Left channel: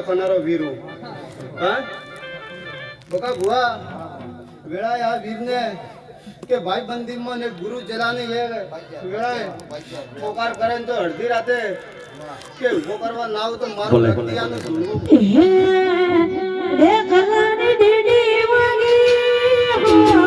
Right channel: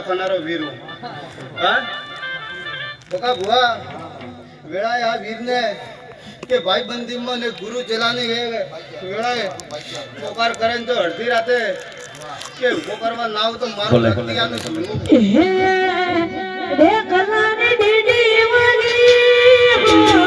કાળજો ખાનારો વીર હું હા બોકા ભુવા વેળાએ આ વીરને કે ભાઈ બંધીમાં ને ગુરુ ચલાને એ વેળાએ પોકાર કરે ને તો અડધી રાતે કે ઊભો કરવા ના આવું તો મારું દેખલાની દીદી વાલી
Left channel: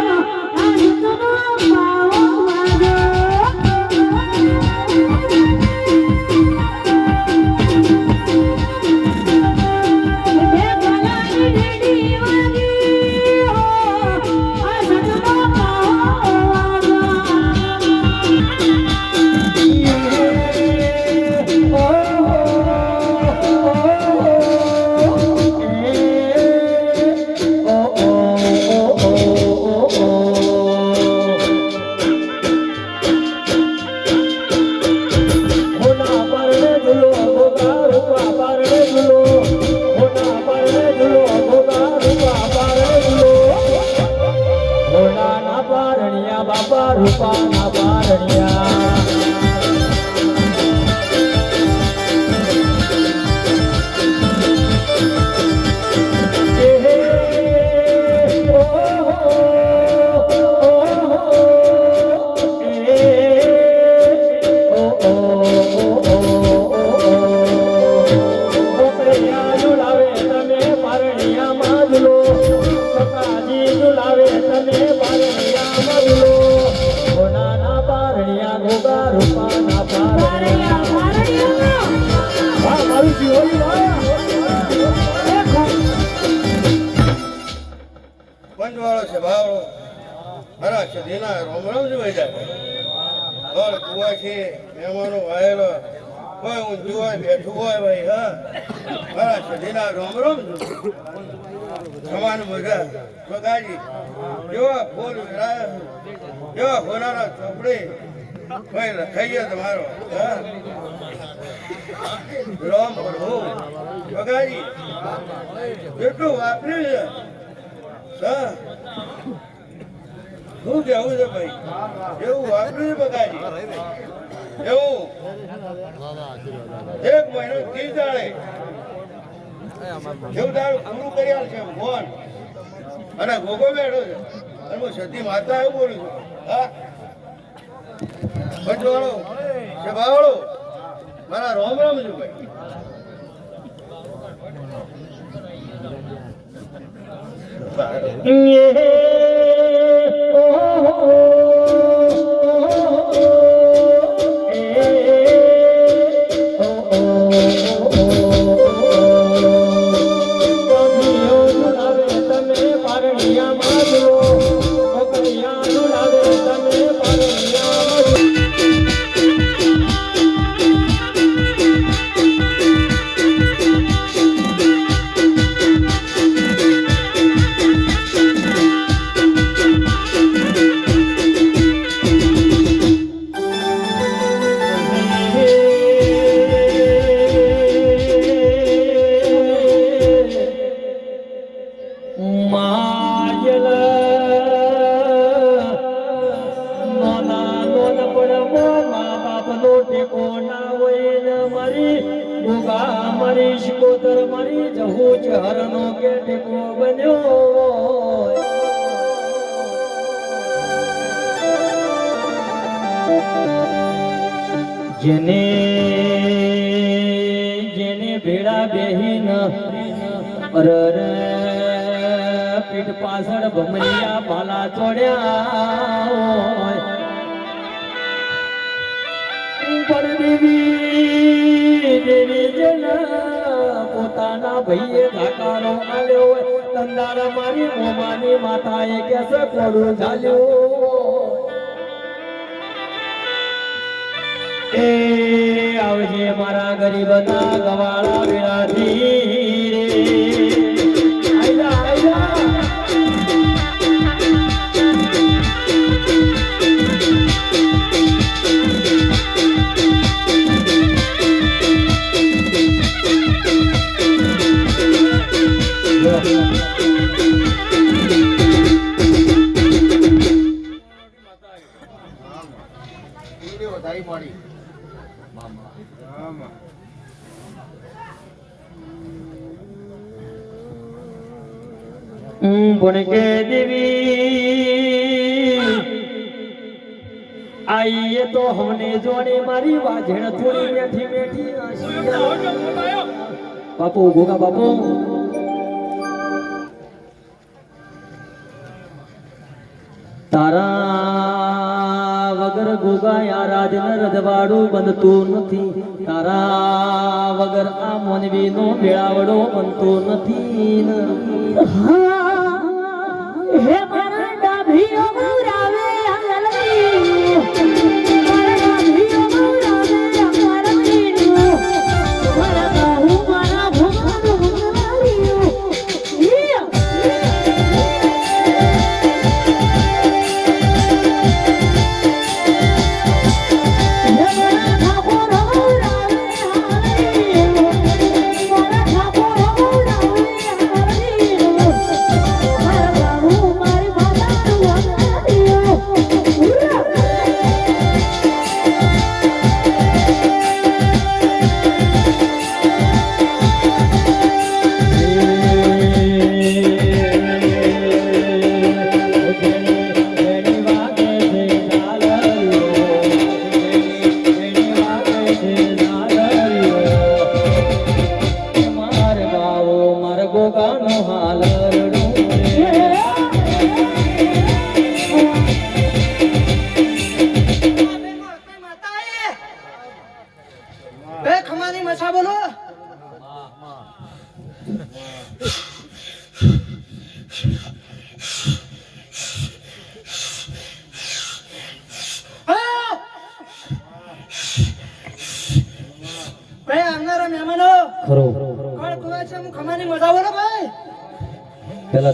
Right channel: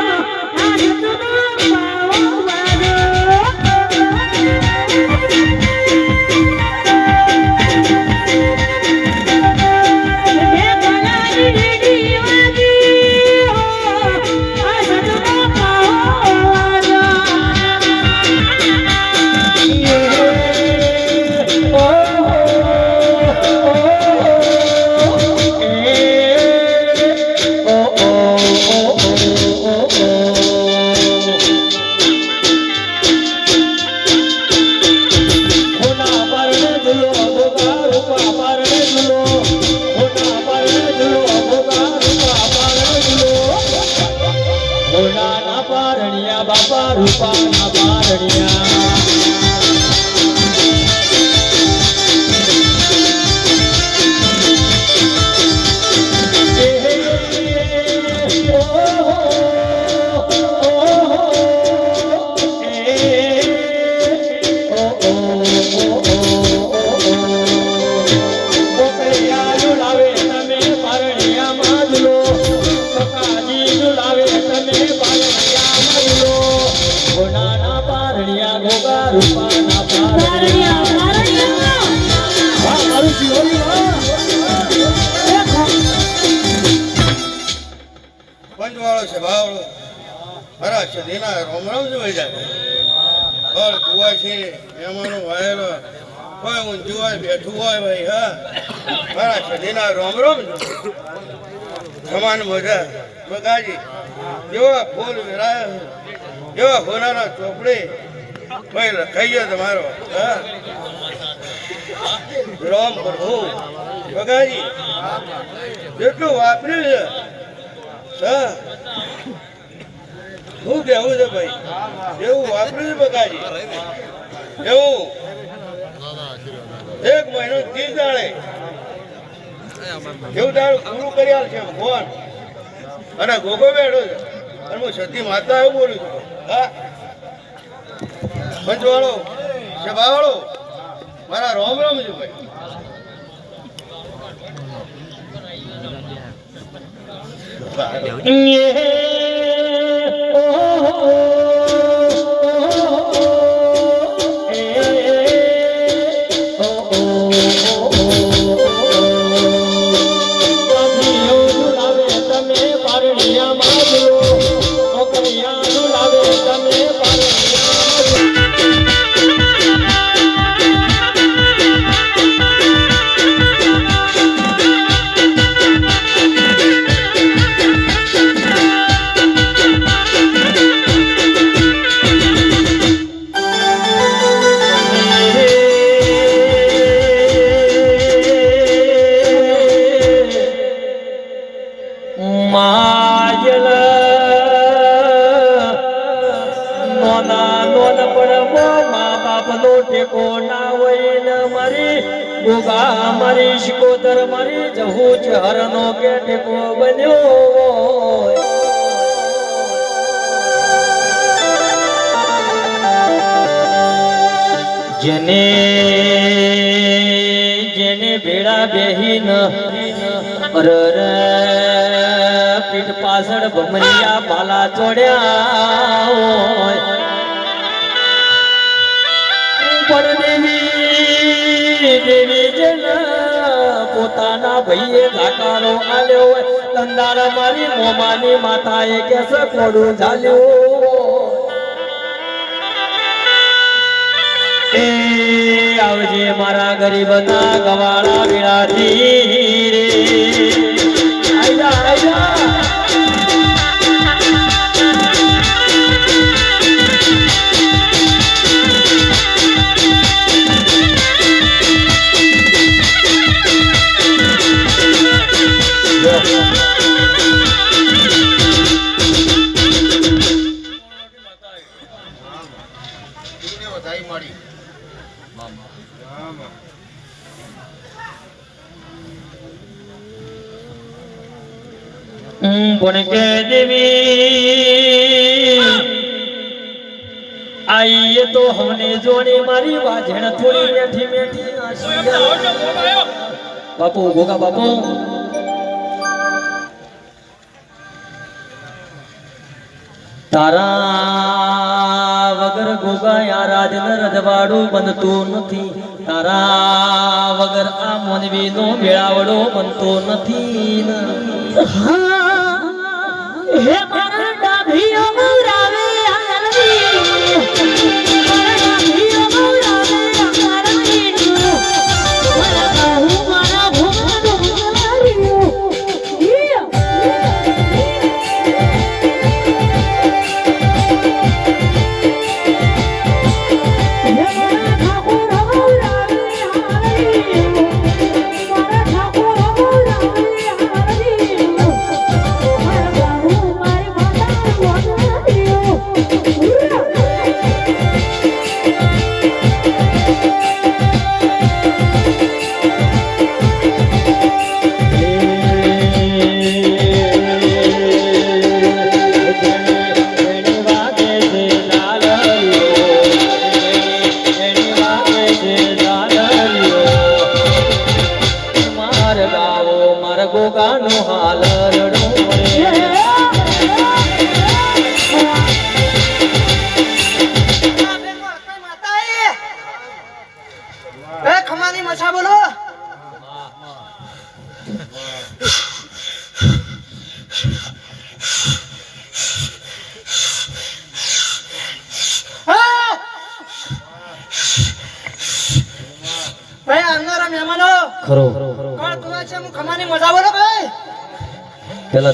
કોઈ ઊંધું હોય બેઠું હોય ભાઈ, હા. મારા છે રોમ રોમ સમાન મજા. બગાજી જેવા ફૂલ વિરાય જેવા ફોનાના ચોપડી. ભાઈ લખાઈએ તમારો. હા. રોમ પ્રભુ. બગાજી જેટલું વાપર્યું છે. હા. શું કેવું છે ભાઈ? એવું વાપર્યું છે બગાજી એવું. એક મહિનો ત્રીસ દાડે એવું પૂરું કરી આલ છે ભગવાન અને ગોગો બેઠો છે. અને હું સતી માતા એવું બોલું છું. હા. પંચવાળો સભાવાળો મારા રોમ રોમ છે ભાઈ. માયલ મા ટેકો ના હોય ને મારી? ગોગા મારી શિકોતર મારી, જહું છે હરનો કે ટેકો બન્યો જેને જેને ભેળા બેહીન અરર પીઠ પાછળ ભમરિયા પાલા ચોડ્યા પણ દેવી દેવી જના પોતાના ભાઈએ ધાકારો આલ્યો હોય. તંદાર મારી મોમાની માતાએ કેસે કોડું ઝાલ્યો આવજે મારા ગરીબના ગવાળા વિરાજી રે. બાપુ ગોગા બાપુ. તારા વગર ગોગા યારાજ ન રજવાડું બનતું નથી. તારા વગર આ મોનવીનો મેળાવડો બનતો નથી. ભાઈ આવનારા મહેમાનો ખરો. કોણ તું છે હું ખમાની મજા બોલો ભાઈ? પેલા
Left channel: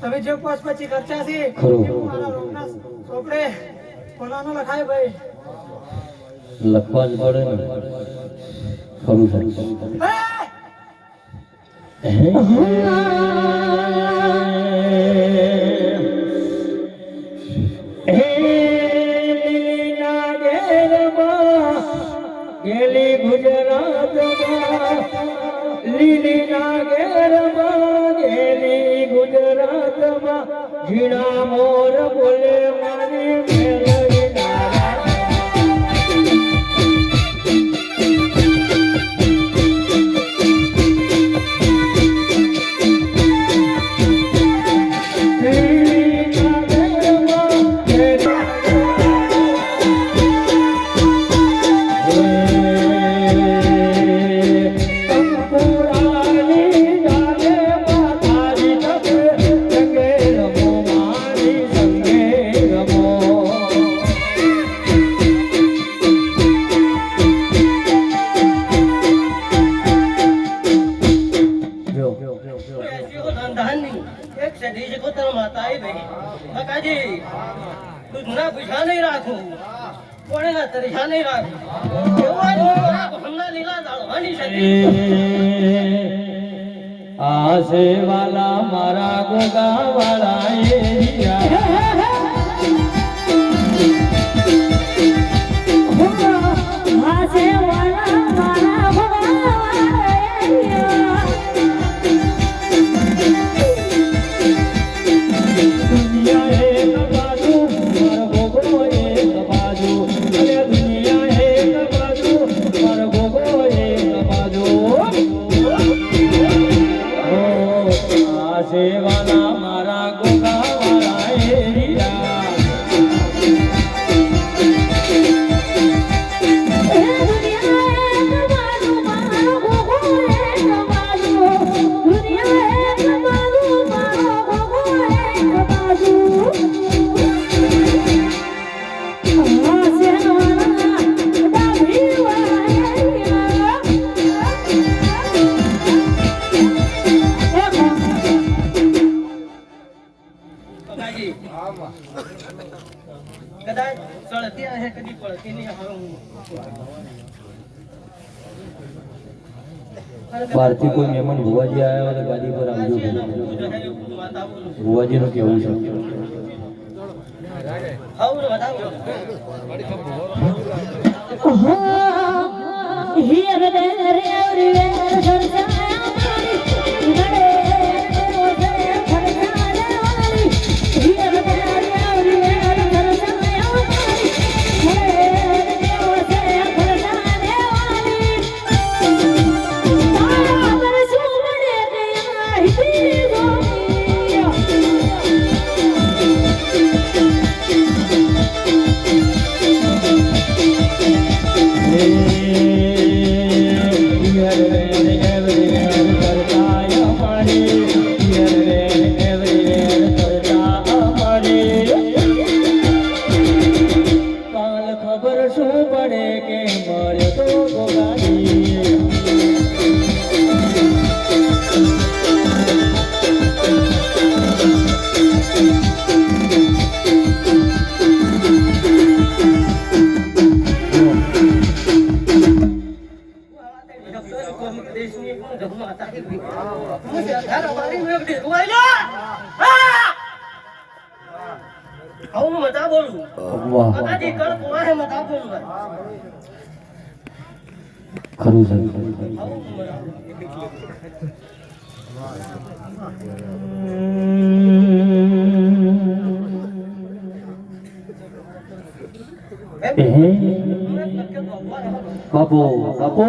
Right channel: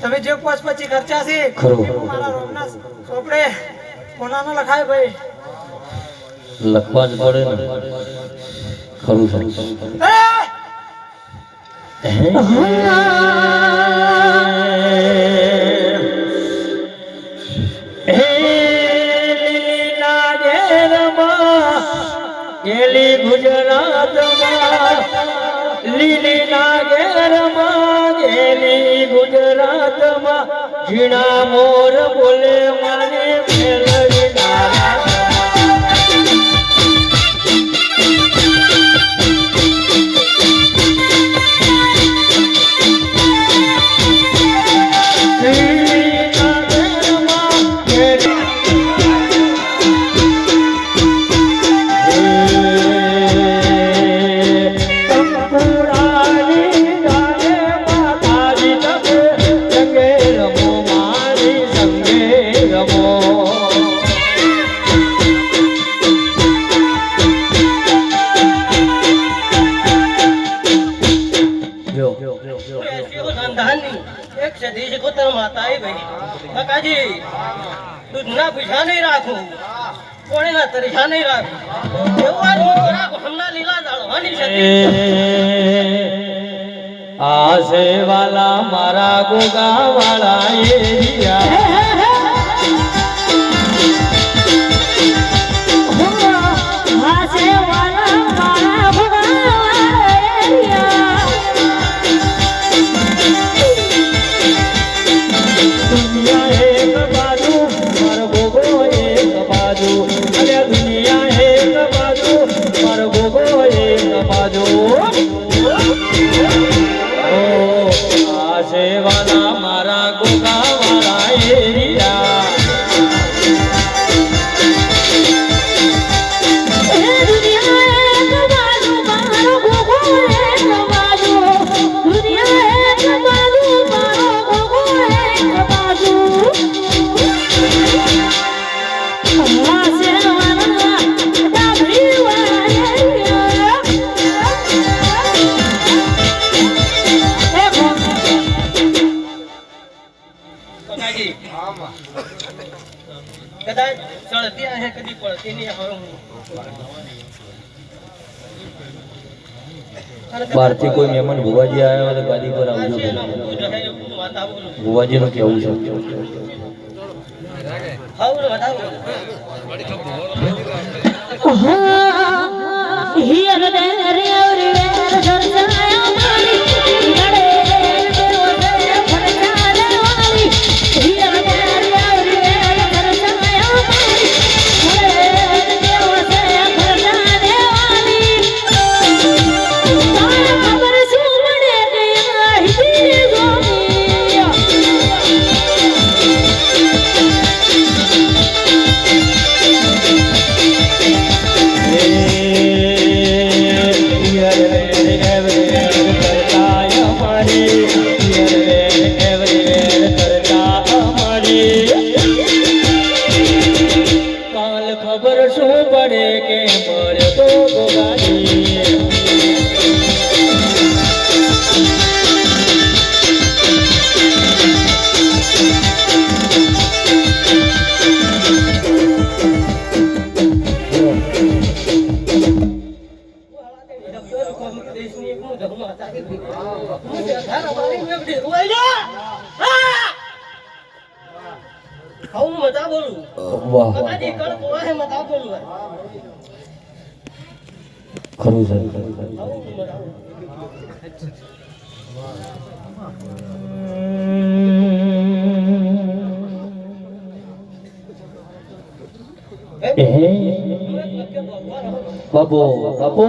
તમે જે પાંચ પછી ખર્ચા છે મારા રોગના ચોપડે હોનાનો લખાય ભાઈ. લખવા જ પડે ને. ખરું છે. લીલીના ઘેરમાં ગેલી ગુજરાતમાં. ઝીણા મોર બોલે મારી મેલડી પૈસા નહીં રાખું. કોણીના તરીખા નહીં રાખું. એવું આજ મોટો રાખો, હમણાં લીલા દાળવાની સદી આસે વાલા મારા ગોગા વાળા એરિયા કદાચ ચડતી કોઈ મહેમાન ભુવાજી આવ્યા તો ગાદી પર આવજો ભુવાજી નું કેવું છે. હાઉ વધાવો હિયર રે રે રે સરસાયા ખરું છે. બાપો મતા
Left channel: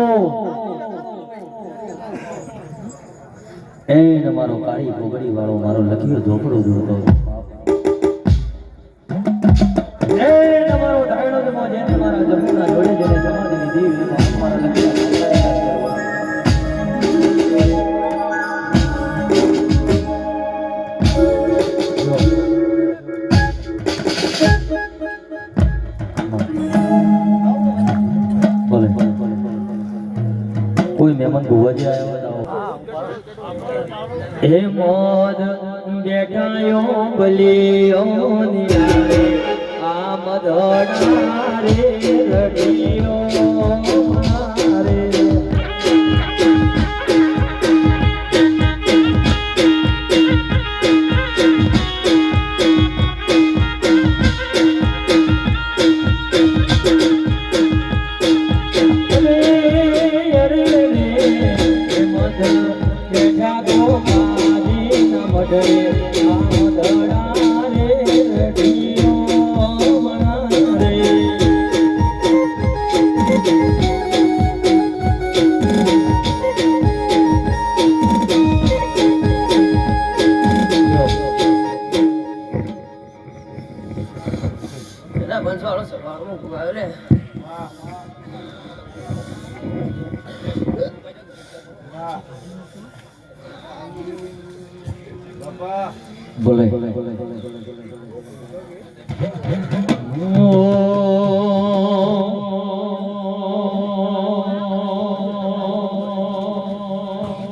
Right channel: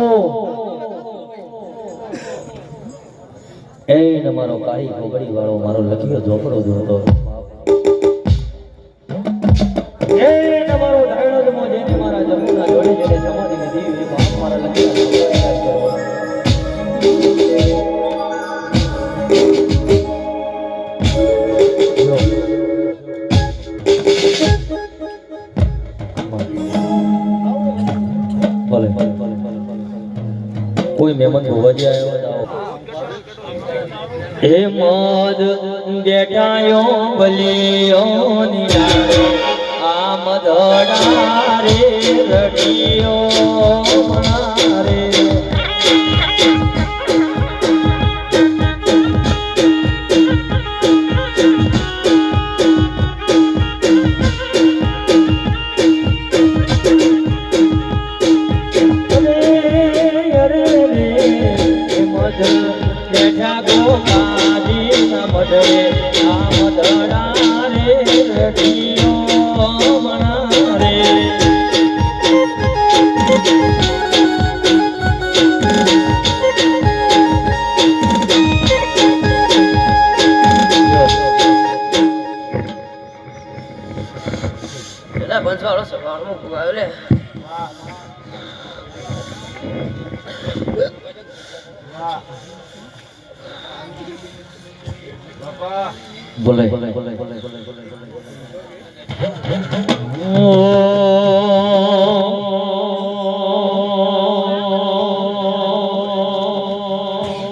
એને મારો કાળી ભોગડી વાળો મારો લખ્યો ઝોપડો જોતો એ તમારો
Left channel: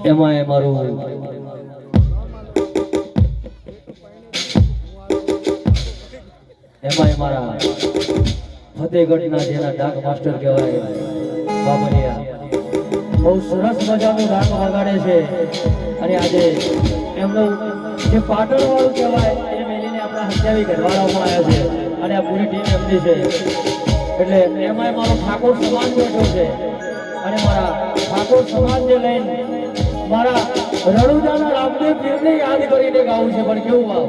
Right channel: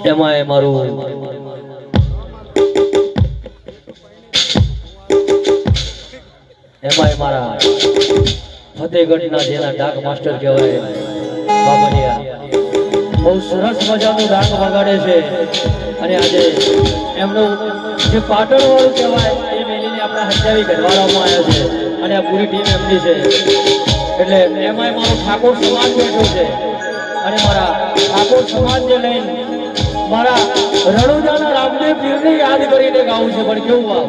એમાં મારું એમાં મારા ફતેગઢના જેના ડાક માસ્ટર કહેવાય, બાબરિયા. બહુ સરસ મજાનું ડાક વગાડે છે. અને આજે એમનું જે પાટણ વાળું કહેવાય, એ મેલીને આપણે હત્યાવી ઘરવાળામાં આવ્યા છે. અને આ પૂરી ટીમ એમની છે. એટલે એમાંય મારો ઠાકોર સમાજ બેઠો છે. અને મારા ઠાકોર સમાજને લઈને મારા રણુજાના રામદેવ પીરને યાદ કરીને ગાવું છું પણ કેવું આ?